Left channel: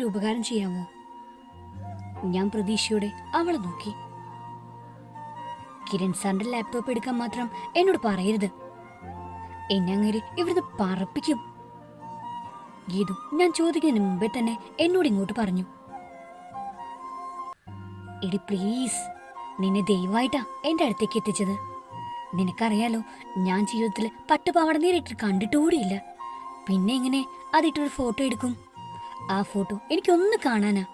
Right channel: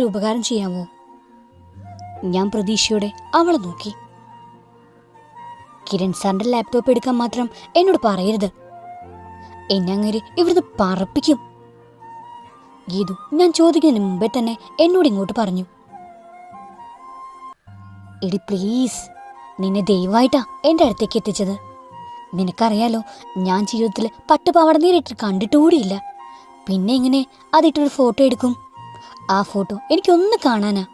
എനിക്കൊരു ഉപകാരം ചെയ്യാമോ? ഞാൻ പ്രതീക്ഷയോടെ അവളെ നോക്കി. കിരൺ സാറിന്റെ ലാപ്ടോപ്പ് എടുക്കാൻ മാത്രം എന്നോട് പറയരുത്. എന്നെ അങ്ങനെ ഇവിടുന്ന് പറപ്പിക്കും. ഗീതു ഞാൻ ചോദിക്കുന്നതിന് മുമ്പേ തന്നെ എന്നോട് ഇങ്ങോട്ട് പറഞ്ഞു. എടി പ്ലീസ് നിന്നെ ദയവായിട്ടാ എന്റെ അടുത്തേക്ക് എത്തിച്ചത്. നിനക്കറിയാലോ ഞാൻ ജീവിതത്തിൽ പട്ടുപാവാട നേരിട്ട് കണ്ടിട്ടുകൂടിയില്ല പിന്നെ ഇങ്ങനെ അതിട്ടൊരു ഫോട്ടോ എടുക്കും? ആ ഫോട്ടോ എനിക്കൊന്ന് കാണാനാ.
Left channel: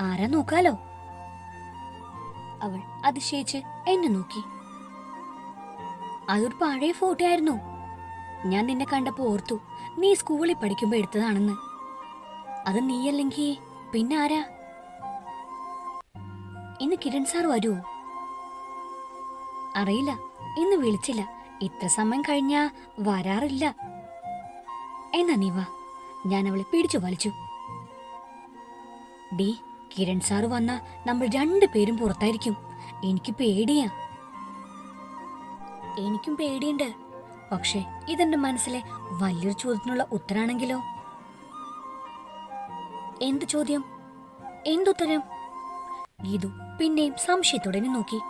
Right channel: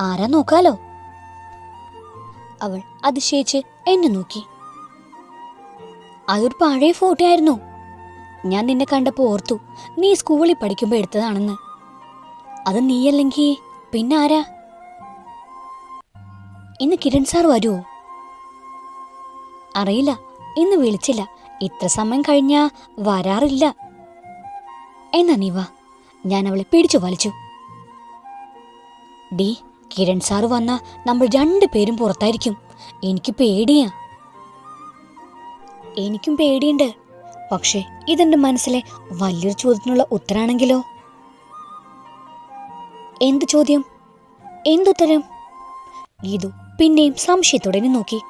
ആരാ നോക്കാലോ? അവൾ അതിശയിച്ച് എന്നെ നോക്കി. അതൊരു പഴയ ഫോട്ടോ ആയിരുന്നു. ഞാൻ നിന്നെ കണ്ടപ്പോ ഓർത്തു നീ സ്കൂളിൽ പഠിക്കുമ്പോ എടുത്തതാണെന്ന്. അത് നീയല്ലെങ്കിൽ പിന്നെ ആരാ? ഇന്ന് കിരൺ സാർ വരുമോ അറിയില്ല ഇന്ന് വിളിച്ചില്ല. ഇത്ര സമയം കഴിഞ്ഞാ വരാറില്ല. എന്നാ നീ വാ. ഞാൻ അവളെ പിടിച്ചു വലിച്ചു. ഡി കിരൺ സാർ വന്ന നമ്മൾ രണ്ടുപേരും പുറത്തായിരിക്കും. എനിക്ക് പേടിയാ. എനിക്കും പേടിയുണ്ട്. പക്ഷേ ഇതെന്റെ മനസ്സിലെ വലിയൊരു ചോദ്യത്തിനുള്ള ഉത്തരാണെങ്കിലോ? എന്ത് ചോദ്യം? എന്തുത്തരം? ഗീതു പിന്നെയും സംശയത്തോടെ നോക്കി.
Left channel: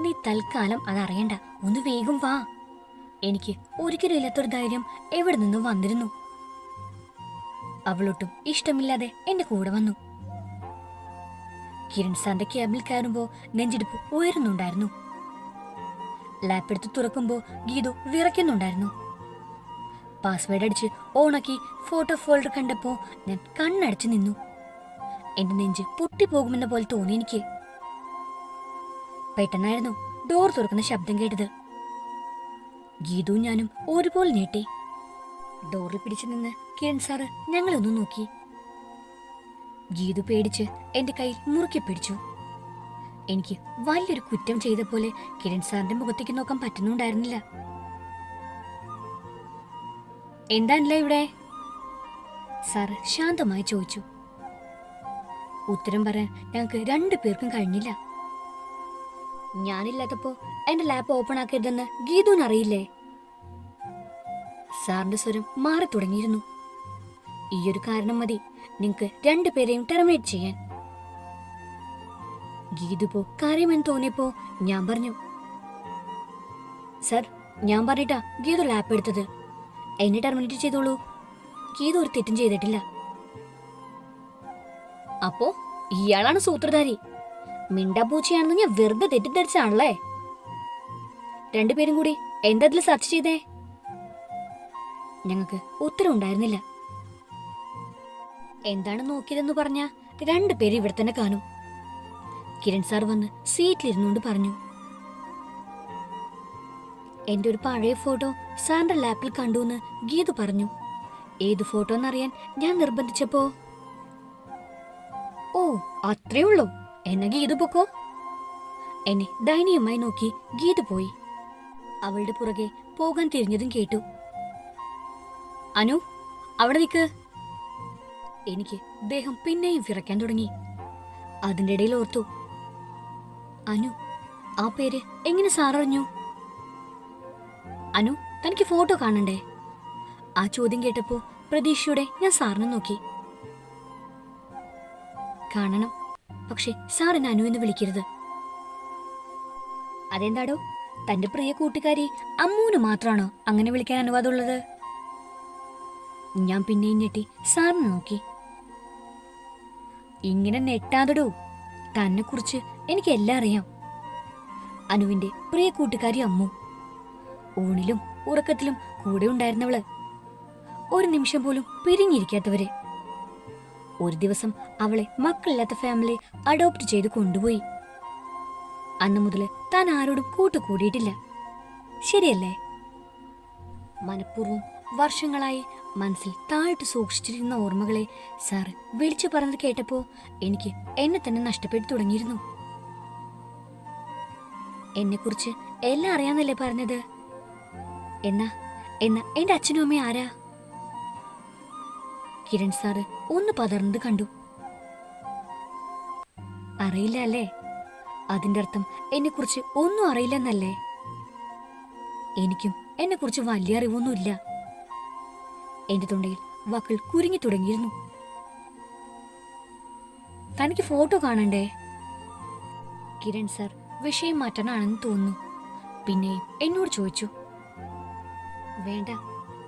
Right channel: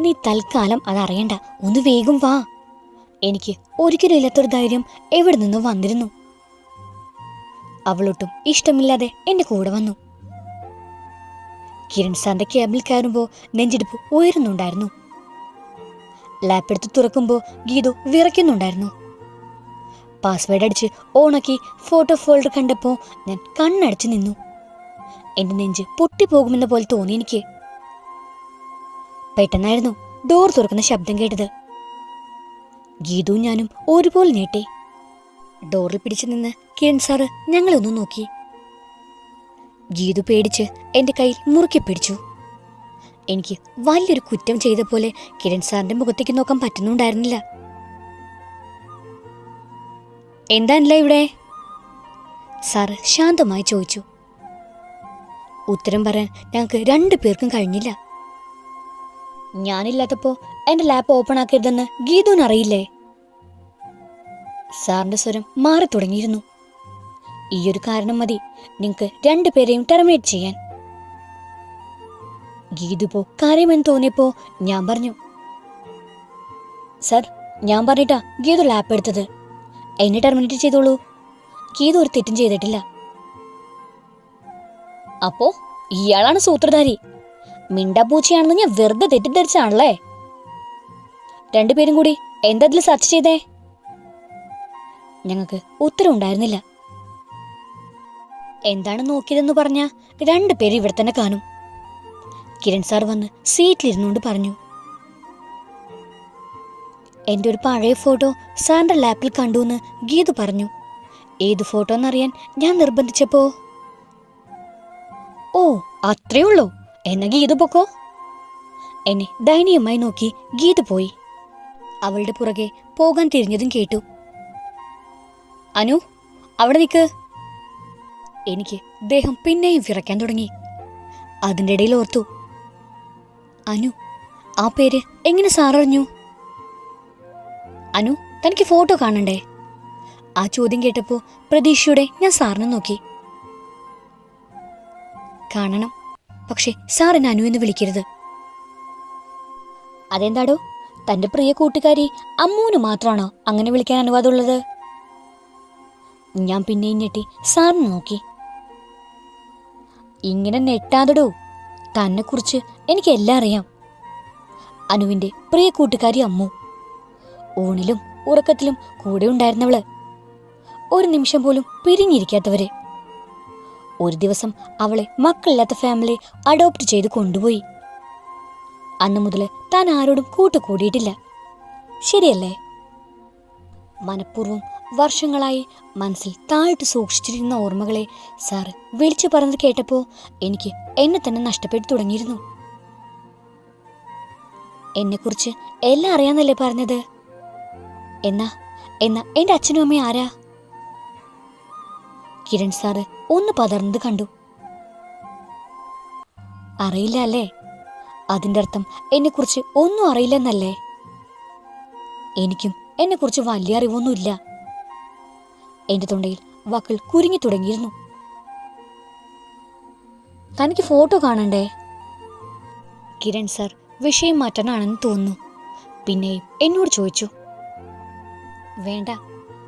നീ തൽക്കാലം അതറിയണ്ട ഒന്ന് വേഗം വാ. എനിക്ക് ഒരിക്കലും ഇല്ലാത്തൊരു ധൈര്യം എവിടെ നിന്നും വന്നിരുന്നു. അവളൊട്ടും ഇഷ്ടമില്ലാതെ എന്റെ കൂടെ വന്നു. കിരൺ സാറിന്റെ ക്യാബിൽ കയറുമ്പോൾ നെഞ്ചിടിപ്പ് ഉയരുന്നുണ്ടായിരുന്നു. ലാപ്പ് എടുത്ത് തുറക്കുമ്പോൾ ഗീതു വിറയ്ക്കുന്നുണ്ടായിരുന്നു. പാസ്വേഡ് അടിച്ച് ഓണാക്കി ഫോട്ടോ ഫോൾഡർ കണ്ടപ്പോൾ ഞാൻ കണ്ണടച്ചു നിന്നു. എന്റെ നെഞ്ച് പൊട്ടിപ്പോകുമെന്ന പോലെ തോന്നി എനിക്ക്. പെട്ടെന്നായിരുന്നു ഡോർ തുറക്കുന്ന ശബ്ദം കേട്ടത്. ഗീതു ഞാനും ഒരുപോലെ ഞെട്ടി. ഡോറിൽ പിടിച്ചു നിന്ന് കിരൺ സാറ് ഞങ്ങളൊന്നു നോക്കി. ഗീതു പേടിച്ച് എന്റെ കയ്യിൽ മുറുക്കി പിടിച്ചു. എനിക്ക് വലിയൊരു കുറ്റം ചെയ്ത പോലെ കിരൺ സാറിന്റെ മുഖത്തേക്ക് നോക്കാൻ പറ്റുന്നുണ്ടായിരുന്നില്ല. എന്താണല്ലേ ഇവിടെ? സാറ് ശാന്തമായി ചോദിച്ചു. ഉത്തരം പറയാൻ ഞങ്ങൾക്ക് രണ്ടു പേർക്കും കഴിഞ്ഞില്ല. ഞാനില്ലാത്തപ്പോ എന്റെ ലാപ്പ് ഓപ്പൺ ആക്കരുതെന്ന് ഗീതുവിന് അറിയില്ലേ സാറിന്റെ സ്വരം മാറി തുടങ്ങിയിരുന്നു. ഈയൊരു കാരണം മതി നിങ്ങൾക്ക് രണ്ടുപേരെയും ടെർമിനേറ്റ് ചെയ്യാൻ. ഗീതുപോ കാര്യമെന്ന് തോന്നിയപ്പോ ഞാൻ പറഞ്ഞു സർ ഞാൻ പറഞ്ഞിട്ടാ ഗീതു ലാപ്പ് എടുത്തത്. എന്നെ ടെർമിനേറ്റ് ചെയ്തോളൂ. ഗീതു ഒരു തെറ്റും ചെയ്തിട്ടില്ല. അപ്പോ ഇയാളാണ് സൂത്രധാരി. മിണ്ടാപ്പൂച്ചയാണെന്ന് ഞാൻ വെറുതെ തെറ്റിദ്ധരിച്ചാണല്ലേ? രണ്ടുപേരും കൂടി എന്താ ഇതിൽ സെർച്ച് ചെയ്തേ? ഞങ്ങൾക്ക് ഉത്തരം ഉണ്ടായിരുന്നില്ല എന്താണ് നോക്കിയതെന്ന് പറഞ്ഞ രണ്ടുപേരും ഇവിടെ തന്നെ കാണും. കിരൺ സാർ വന്ന് സീറ്റിലിരുന്നുകൊണ്ട് പറഞ്ഞു. എന്റെ ഒരു പഴയ ഫോട്ടോ സാറിന്റെ ലാപ്പിൽ കണ്ടു എന്ന് ഗീതു പറഞ്ഞു. ഏത് ഫോട്ടോ എന്നറിയാൻ ഞാൻ നിർബന്ധിച്ചപ്പോ? ഓ അത്രേ ഉള്ളൂ. എന്നാ ഗീതു പൊക്കോ? എന്നെ ദയനീയമായി നോക്കി ഗീതു പോയി. അവളുടെ പുറകെ പോകാൻ തിരിഞ്ഞതും കേട്ടു. അനു അവിടെ നിൽക്ക് എനിക്ക് ദേഹം പിന്നെയും വിറയ്ക്കാൻ തുടങ്ങി. അതിന്റെ ഇടയിൽ ഓർത്തു. അനു ആ പേര് എങ്ങനെ സാററിഞ്ഞു അനു തനിക്ക് ഫോട്ടോ കാണണ്ടേ? ആ ചോദ്യം കേട്ടപ്പോൾ പ്രതീക്ഷയോടെ ഞാൻ സാറിനെ നോക്കി. കാണണം പക്ഷെ സാർ എന്നെ അനു എന്ന് വിളിക്കരുത്. അതെന്താടോ? തന്റെ പ്രിയ കൂട്ടുകാരി അമ്മൂന് മാത്രമാണോ അങ്ങനെ വിളിക്കാൻ അനുവാദമുള്ളത്? ഞാൻ പിന്നെയും ഞെട്ടി. സാറിന് നോക്കി. ഇങ്ങനെ നെട്ടാതെടോ തന്നെ കുറിച്ച് എനിക്ക് എല്ലാം അറിയാം. അനുവിന്റെ പ്രിയ കൂട്ടുകാരി അമ്മു. ഊണിലും ഉറക്കത്തിലും കൂടെ ഉണ്ടായിരുന്നവൾ. ഒരു നിമിഷം പോലും പിരിഞ്ഞിരിക്കാത്തവര്. ഒരു ദിവസം അവളെ മക്കളില്ലാത്ത ഫാമിലി അഡോപ്റ്റ് ചെയ്ത് കൊണ്ടുപോയി. അന്ന് മുതൽ താൻ ആരോടും കൂട്ടുകൂടിയിട്ടില്ല. ശരിയല്ലേ? മനഃപൂർവം വർഷങ്ങളായി മനസ്സിൽ താഴ്ത്തു സൂക്ഷിച്ചിരുന്ന ഓർമ്മകളെ സാർ വിളിച്ചു പറഞ്ഞത് കേട്ടപ്പോൾ എനിക്ക് എന്നെ തന്നെ നഷ്ടപ്പെട്ടു തുടങ്ങിയിരുന്നു. എന്നെക്കുറിച്ച് എല്ലാം അറിയാന്നല്ലേ പറഞ്ഞത്? എന്നാ എന്നാ എന്റെ അച്ഛനും അമ്മയും ആരാ? കിരൺ സാറ് ഒന്ന് പതർന്നത് കണ്ടു. അറിയില്ല അല്ലേ? അതിന്റെ അർത്ഥം എന്നെക്കുറിച്ച് ഒന്നും അറിയില്ലെന്നല്ലേ? എനിക്കും എന്നെക്കുറിച്ച് വലിയ അറിവൊന്നുമില്ല. എന്റെ തൊണ്ടയിൽ വാക്കുകൾ കുരുങ്ങി തുടങ്ങിയിരുന്നു. തനിക്ക് ഫോട്ടോ കാണണ്ടേ? കിരൺ സർ വിഷയം മാറ്റാനാണെന്ന് തോന്നുന്നു. പിന്നെ എന്നോട് ചോദിച്ചു. വേണ്ട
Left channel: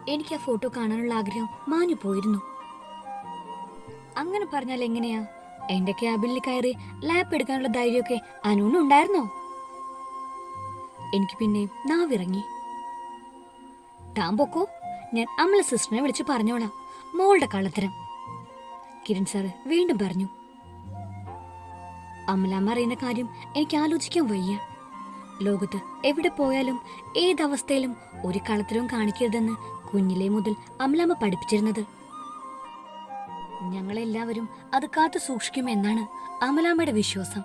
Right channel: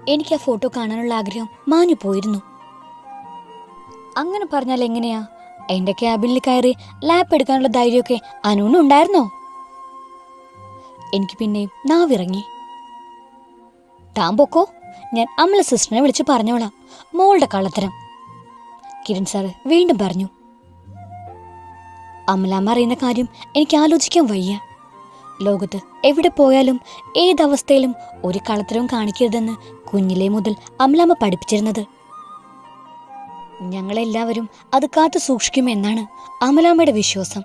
എനിക്ക് ആ ഫോട്ടോ കാണാനുള്ള ആഗ്രഹം മാഞ്ഞു പോയിരുന്നു. അങ്ങനെ പറഞ്ഞാൽ എങ്ങനെയാ? എന്റെ ക്യാബിനിൽ കയറി ലാപ്പ് എടുക്കാനുള്ള ധൈര്യമൊക്കെ അനുവിനുണ്ടായിരുന്നോ എനിക്ക് പിന്നെയും നാവിറങ്ങി. താൻ പൊക്കോ? ഞാൻ അമല സിസ്റ്ററിനെ വിളിച്ച് പറഞ്ഞോളാം. മോളുടെ കള്ളത്തരം. കിരൺ സാറ് വീണ്ടും പറഞ്ഞു. അമലാമ്മ അറിയുന്ന കാര്യം എനിക്ക് ആലോചിക്കാൻ വയ്യ. ലോകത്ത് എവിടെ പോയാലും ഏതവസ്ഥയിലും ഒരു കളത്തരവും കാണിക്കരുതെന്ന് കുഞ്ഞിലെ മുതൽ അമലാമ്മ പഠിപ്പിച്ചിരുന്നത്. ഞങ്ങളെല്ലാവരും അത് കാത്തു സൂക്ഷിക്കുമെന്നാണ് അമലാമ്മയുടെ വിശ്വാസം.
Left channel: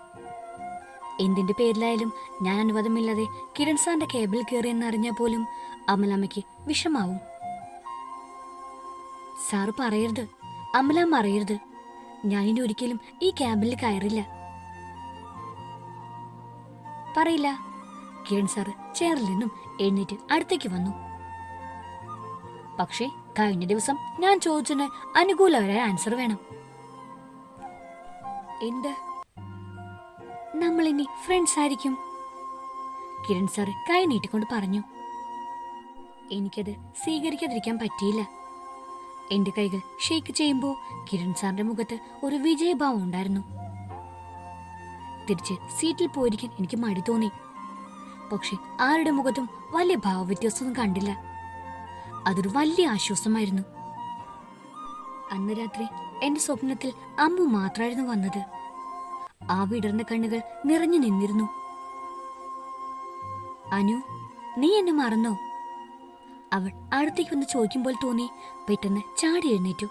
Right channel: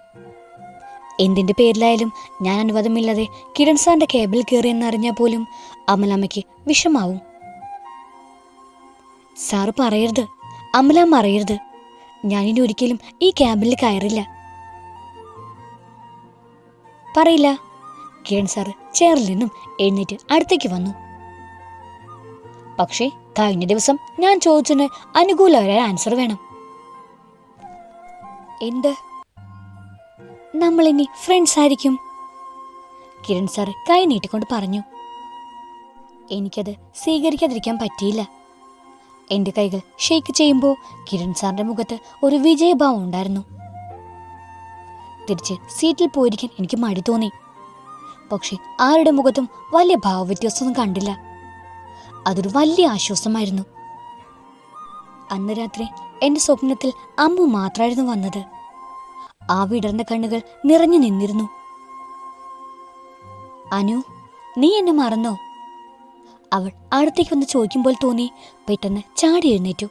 എന്തിന്റെ പേരിലായാലും ഞാൻ അനുവാദമില്ലാതെ കിരൺ സാറിന്റെ കേബിൾ കയറിയെന്നറിഞ്ഞാൽ പോലും അമലാമ്മയ്ക്ക് വിഷമാവും. സാറ് പറയരുത്. അമലാമ്മ അറിയരുത് ഞാനിനി ഒരിക്കലും ഈ ക്യാമ്പിൽ കയറില്ല. പറയില്ല. കിരൺ സാറ് ചെയറിൽ നിന്നും എഴുന്നേറ്റ് അടുത്തേക്ക് വന്നു. പക്ഷേ കഴിഞ്ഞ ദിവസം ഞാൻ ചോദിച്ചതിന് അനുകൂലമായ ആൻസർ വേണം. എന്ത്? നമ്മൾ ഇനി ഫ്രണ്ട്സ് ആയിരിക്കും? കിരൺ സാറ് കൈ നീട്ടിക്കൊണ്ട് പറഞ്ഞു. എനിക്കത് സ്വീകരിക്കാതിരിക്കാൻ പറ്റിയില്ല. എന്റെ കൈകൾ ഷെയ്ക്ക് ചെയ്യുമ്പോൾ കിരൺ സാറിന്റെ മുഖത്ത് ഒരു വിജയഭാവം ഉണ്ടായിരുന്നു. തിരിച്ച് സീറ്റിൽ പോയിരിക്കാൻ എനിക്ക് മടി തോന്നി. പക്ഷെ ആരുടെ മുഖത്തും വലിയ ഭാവവ്യത്യാസമൊന്നും കണ്ടില്ല. അതൊരു വലിയ ആശ്വാസമായിരുന്നു. അന്ന് രാത്രി എന്റെ സ്വപ്നത്തിൽ അമ്മ മാത്രമായിരുന്നു വന്നത്. ആ വിടർന്ന കണ്ണുകൾ നിറഞ്ഞു നിന്നിരുന്നു. അനു നീ എന്നെ മറന്നോ? അവൾ അടുത്തേക്ക് വന്ന് ചോദിക്കുമ്പോൾ തോന്നി. പെട്ടെന്ന് ചാടി എഴുന്നേറ്റു.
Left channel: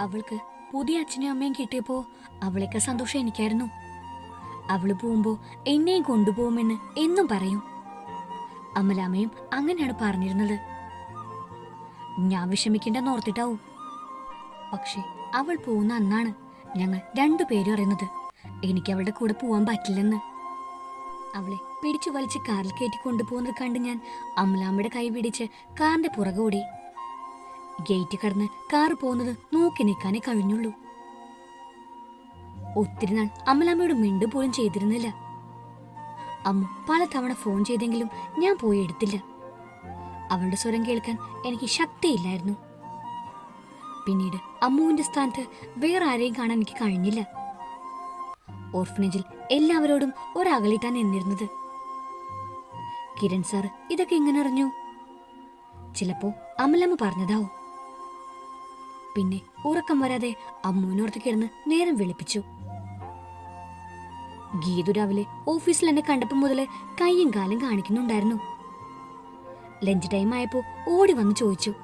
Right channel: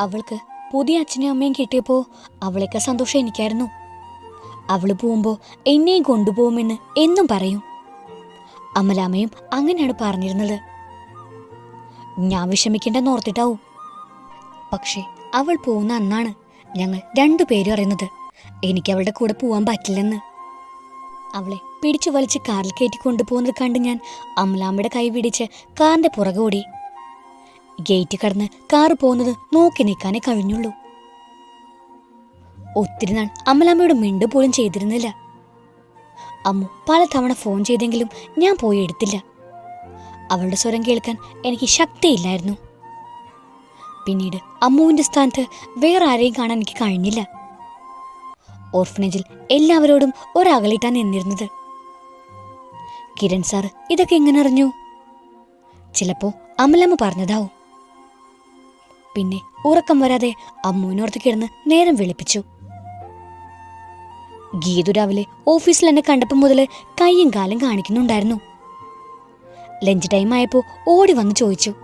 അവൾക്ക് പുതിയ അച്ഛനും അമ്മയും കിട്ടിയപ്പോ അവളേക്കാൾ സന്തോഷം എനിക്കായിരുന്നു. അവൾ പോകുമ്പോ എന്നെയും കൊണ്ടുപോകുമെന്ന് എന്നും പറയും. അമലാമ്മയും അങ്ങനെയാണ് പറഞ്ഞിരുന്നത്. ഞാൻ വിഷമിക്കേണ്ടെന്ന് ഓർത്തിട്ടാവും. പക്ഷേ അവൾ പോകുന്ന അന്നാണ് ഞങ്ങൾ രണ്ടുപേരും അറിയുന്നത്. എനിക്ക് അവളുടെ കൂടെ പോവാൻ പറ്റില്ലെന്ന്. അവളെ പിടിച്ചു വലിച്ച് കാറിൽ കയറ്റി കൊണ്ടുപോകുന്നത് കണ്ട് ഞാൻ അമലാമ്മയുടെ കൈ പിടിച്ച് കാറിന്റെ പുറകെ ഓടി. ഗേറ്റ് കടന്ന് കാർ പോകുന്നത് നോക്കി നിൽക്കാനേ കഴിഞ്ഞുള്ളൂ. ഒത്തിരി നാൾ അമലാമ്മയോട് മിണ്ടു പോലും ചെയ്തിരുന്നില്ല. അമ്മു പലതവണ ഫോൺ ചെയ്തെങ്കിലും ഞാൻ പോയി എടുത്തില്ല. അവളുടെ സ്വരം കേൾക്കാൻ എനിക്ക് ശക്തിയില്ലായിരുന്നു. പിന്നീട് അമ്മുവിന്റെ സ്ഥാനത്ത് വേറെ ആരെയും കാണാൻ എനിക്ക് കഴിഞ്ഞില്ല. ഓർഫനേജിൽ എല്ലാവരോടും ഒരകലിട്ടാൻ നിന്നിരുന്നത്. കിരൺ സാർ ഇതൊക്കെ എങ്ങനെ അറിഞ്ഞു? ചിലപ്പോ അമലമ്മ പറഞ്ഞതാവും. പിന്നെ ഉറക്കം വരാതെ അമ്മുവിനോർത്ത് കിടന്ന് നേരം വിളിപ്പിച്ചു. ഗീതു രാവിലെ ഓഫീസിൽ എന്നെ കണ്ടപ്പോൾ മുതൽ കൈയും കാലും കാണിക്കുന്നുണ്ടായിരുന്നു. ലഞ്ച് ടൈം ആയപ്പോൾ ഓടി വന്ന് ചോദിച്ചു.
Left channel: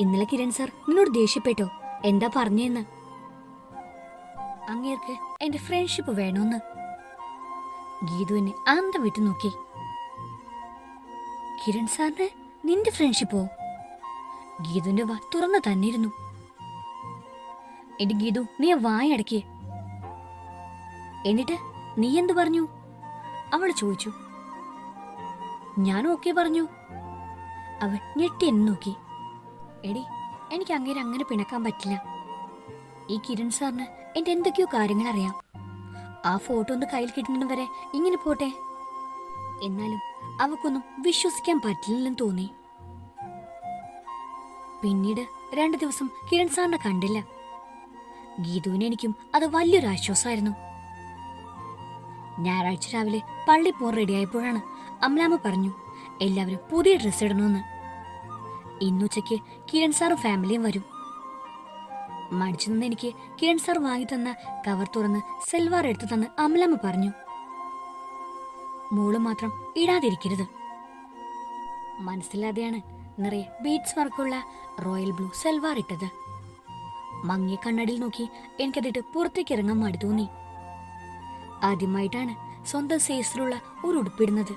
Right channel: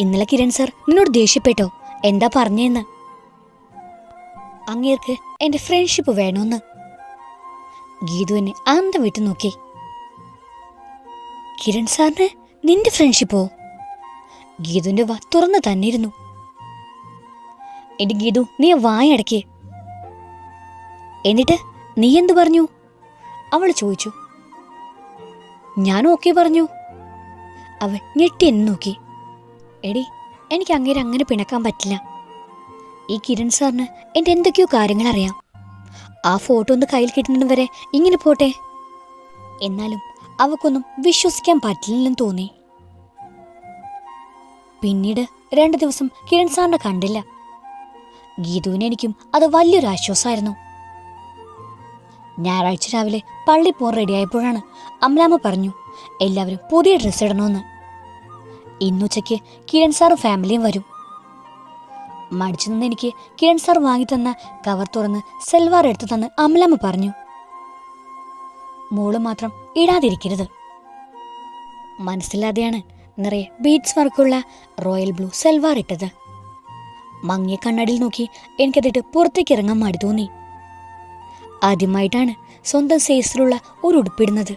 ഇന്നലെ കിരൺ സാർ നിന്നോട് ദേഷ്യപ്പെട്ടോ? എന്താ പറഞ്ഞേന്ന്? അങ്ങേർക്ക് എന്റെ ഫ്രണ്ട്ഷിപ്പ് വേണമെന്ന് ഗീതുവിനെ അന്തം വിട്ടു നോക്കി. കിരൺ സാറിന് നിന്റെ ഫ്രണ്ട്ഷിപ്പോ ഗീതുവിന്റെ വ തുറന്നു തന്നിരുന്നു. എടി ഗീതു നീ വായടക്കേ എന്നിട്ട് നീ എന്തു പറഞ്ഞു? അവൾ ചോദിച്ചു. ഞാൻ ഓക്കെ പറഞ്ഞു. അവൾ ഞെട്ടി എന്ന് നോക്കി. എടി എനിക്ക് അങ്ങേരെ അങ്ങനെ പിണക്കാൻ പറ്റില്ല. ഈ കിരൺ സാറിന് എന്റെ എന്തൊക്കെയോ കാര്യങ്ങൾ അറിയാം. ആ ഫോട്ടോ ഒന്ന് കയ്യിൽ കിട്ടുന്നതും വരെ ഇങ്ങനെ പോട്ടെ. എന്നാലും അവക്കൊന്നും വിശ്വസിക്കാൻ പറ്റില്ലെന്ന് തോന്നി. പിന്നീട് രണ്ടു ദിവസം കിരൺ സാറിനെ കണ്ടില്ല. ഗീതുവിന് എനിക്കും അത് വലിയൊരു ആശ്വാസമായിരുന്നു. ഞായറാഴ്ച രാവിലെ പള്ളി പോകാൻ റെഡിയായപ്പോഴാണ് അമലാമ്മ പറഞ്ഞു എല്ലാവരും പുതിയ ഡ്രസ്സ് ഇടണമെന്ന്. ഇന്നുച്ചയ്ക്ക് കിരൺ സാറും ഫാമിലിയും വരും. മടിച്ചു നിന്ന് എനിക്ക് കിരൺ സാർ വാങ്ങിത്തന്ന കവർ തുറന്ന് സെൽവാർ എടുത്തു തന്ന് അമലമ്മ പറഞ്ഞു. മോൾ മാത്രം ഇടാതിരിക്കരുത്. മനസ്സില്ലാതെയാണ് നിറയെ ബീഡ്സ് വർക്കുള്ള റോയൽ ബ്ലൂ സെൽവാർ ഇട്ടത്. മങ്ങിയ കണ്ണടിയിൽ നോക്കി എനിക്കതിട്ട് പുറത്തേക്ക് ഇറങ്ങാൻ മടി തോന്നി. ആദ്യമായിട്ടാണ് സ്വന്തം സൈസിലുള്ള ഒരു ഉടുപ്പിടുന്നത്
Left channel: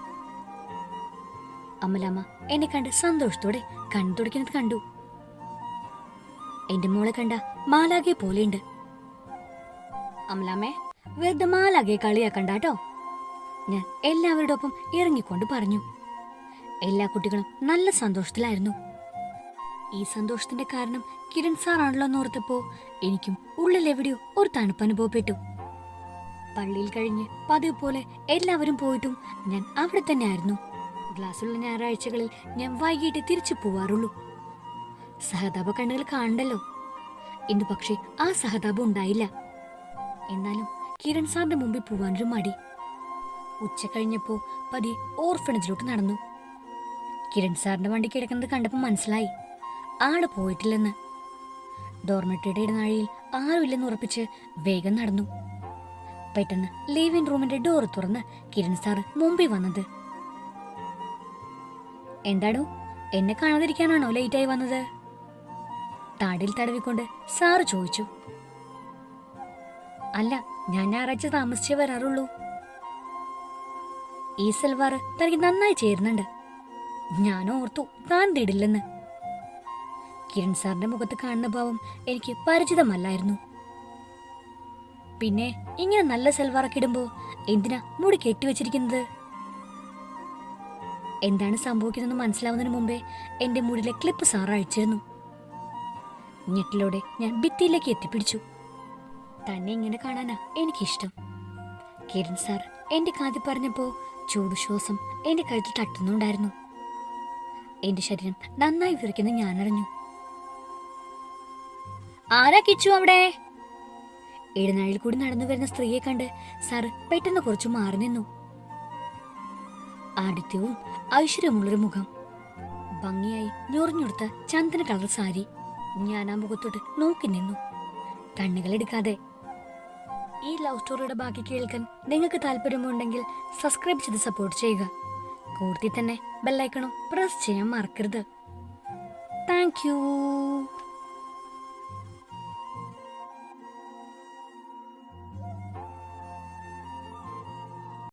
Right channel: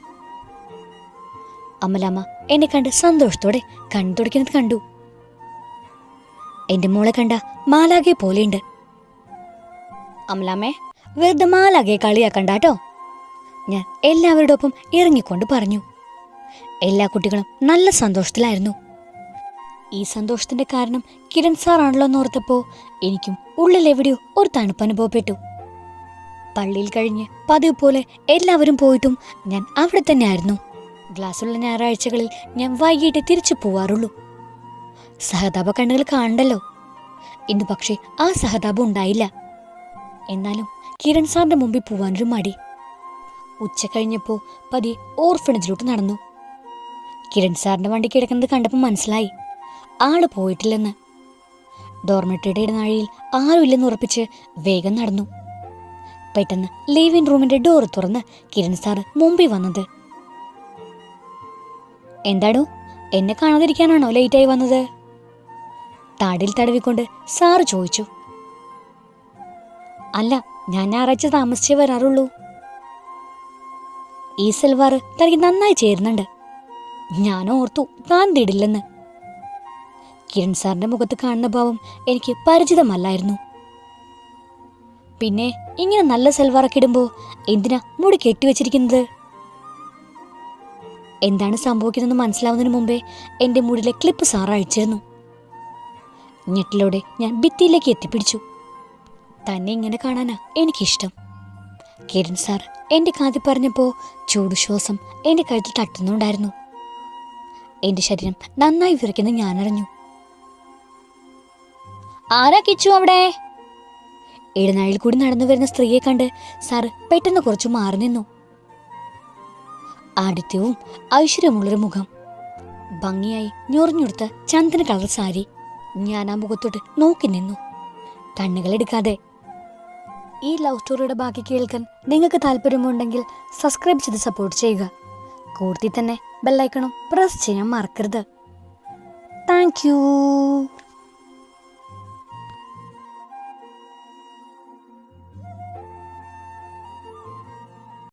അമലാമ്മ എന്നെ കണ്ട് സന്തോഷത്തോടെ കണ്ണു തുടയ്ക്കുന്നത് കണ്ടു. എന്റെ മോളെ കണ്ട മാലാകെ പോലെയുണ്ട്. അമലാമ്മേ വെറുതെ മാലാകെ കളിയാക്കണ്ടാട്ടോ. ഞാൻ എല്ലാവരുടെ ഒപ്പം ഇറങ്ങിക്കൊണ്ട് പറഞ്ഞു. എല്ലാ കുട്ടികളും നല്ല സന്തോഷത്തിലായിരുന്നു. ഈ സന്തോഷത്തിന്റെ കാരണം കിരൺ സാറാണല്ലോ എന്നോർത്തപ്പോ എനിക്കും ഉള്ളിൽ എവിടെയോ ഒരു തണുപ്പ് അനുഭവപ്പെട്ടു. പള്ളിയിൽ കഴിഞ്ഞ് പതിവ് പോലെ എല്ലാവരും പോയിട്ടും ഞാൻ അവിടെ തന്നെയായിരുന്നു. ഗ്ലാസ്സുള്ള ഞായറാഴ്ചകളിൽ ഞാൻ വൈകിട്ട് തിരിച്ചു പോവാറുള്ളൂ. സഹതാപ കണ്ണുകൾ കാണണ്ടല്ലോ. ഇന്ന് പക്ഷേ ആ സഹതാപം ഉണ്ടായില്ല. എന്നാലും കിരൺ സാറിന്റെ മുമ്പിൽ പോവാനൊരു മടി. ഉച്ച കഴിഞ്ഞപ്പോൾ പതി ഓർഫണേജിലോട്ട് നടന്നു. കിരൺ സാറിന്റെ വണ്ടി കിടക്കുന്നത് കണ്ടപ്പോൾ മനസ്സിലായി. ആൾ പോയിട്ടില്ലെന്ന്. ഡോർമെട്രിയുടെ ഇടനാഴിയിൽ ആരുമില്ലെന്ന് ഉറപ്പിച്ച് വേഗം നടന്നു. പെട്ടെന്ന് ലിവിംഗ് റൂമിന്റെ ഡോർ തുറന്ന് കിരൺ സാർ മുമ്പിൽ വന്നത്. എന്താടോ എന്നെ കാണാതിരിക്കാനാണോ ലേറ്റായി വന്നത്? താടിൽ തടവിക്കൊണ്ട് സാറ് ചോദിച്ചു. അല്ല ഞാൻ ഞായറാഴ്ച താമസിച്ചേ വരാറുള്ളൂ. ഈ സൽവാർ തനിക്ക് നന്നായി ചേരുന്നുണ്ട്. ഞാൻ ഓർത്തു താൻ തിടില്ലെന്ന്. കിരൺ സാറിന്റെ മുഖത്ത് കാണുന്ന ഭാവം എനിക്ക് പരിചിതമല്ലായിരുന്നു. പിന്നെ ഇങ്ങനെ നല്ല സൽവാറൊക്കെ ഇടുമ്പോ എന്തിനാ മുടി കെട്ടിവെച്ചിരിക്കുന്നത് എന്താണ് സംഭവിക്കുന്നതെന്ന് മനസ്സിലാവുന്നതിന് മുമ്പേ എന്റെ മുടിയിലെ ക്ലിപ്പ് സാർ അഴിച്ചിരുന്നു. ഞെട്ടിലൂടെ ഞാൻ ഭിത്തിയിലേക്ക് എത്തിപ്പിടിച്ചു. തന്നെ ഇങ്ങനെ കാണാനാ എനിക്കിഷ്ടം. കിരൺ സാർ എന്റെ കാതിൽ പറഞ്ഞപ്പോ ചൂടുശ്വാസം എന്റെ കഴുത്തിൽ തട്ടുന്നുണ്ടായിരുന്നു. എന്റെ ശരീരം നന്നായി വിറയ്ക്കുന്നത് ഞാനറിഞ്ഞു. ആരാ കിച്ചു അവിടെ? ഇടനാഴിയിൽ കൂടി നടന്നു വരുന്ന സ്ത്രീയെ കണ്ട് സാർ പെട്ടെന്ന് കുറച്ചു മാറി നിന്നു. ആദിത്യവും ഐശ്വര്യമുള്ളൊരു മുഖം. ഭംഗിയായി ഞൊറിഞ്ഞുടുത്ത ചന്ദന കളർ സാരി. ഞാൻ ആ മുഖത്തോട്ട് നോക്കി നിന്നു. കണ്ണുകളെടുക്കാതെ ഈ ലവ് സ്റ്റോറിയുടെ ബാക്കി കേൾക്കാൻ നിങ്ങൾക്ക് താല്പര്യമുണ്ടെങ്കിൽ സബ്സ്ക്രൈബ് ചെയ്ത് സപ്പോർട്ട് ചെയ്യുക. കൂടുതൽ തന്നെ ബെല്ലൈക്കണം പ്രസ് ചെയ്യാൻ മറക്കരുത്. താങ്ക്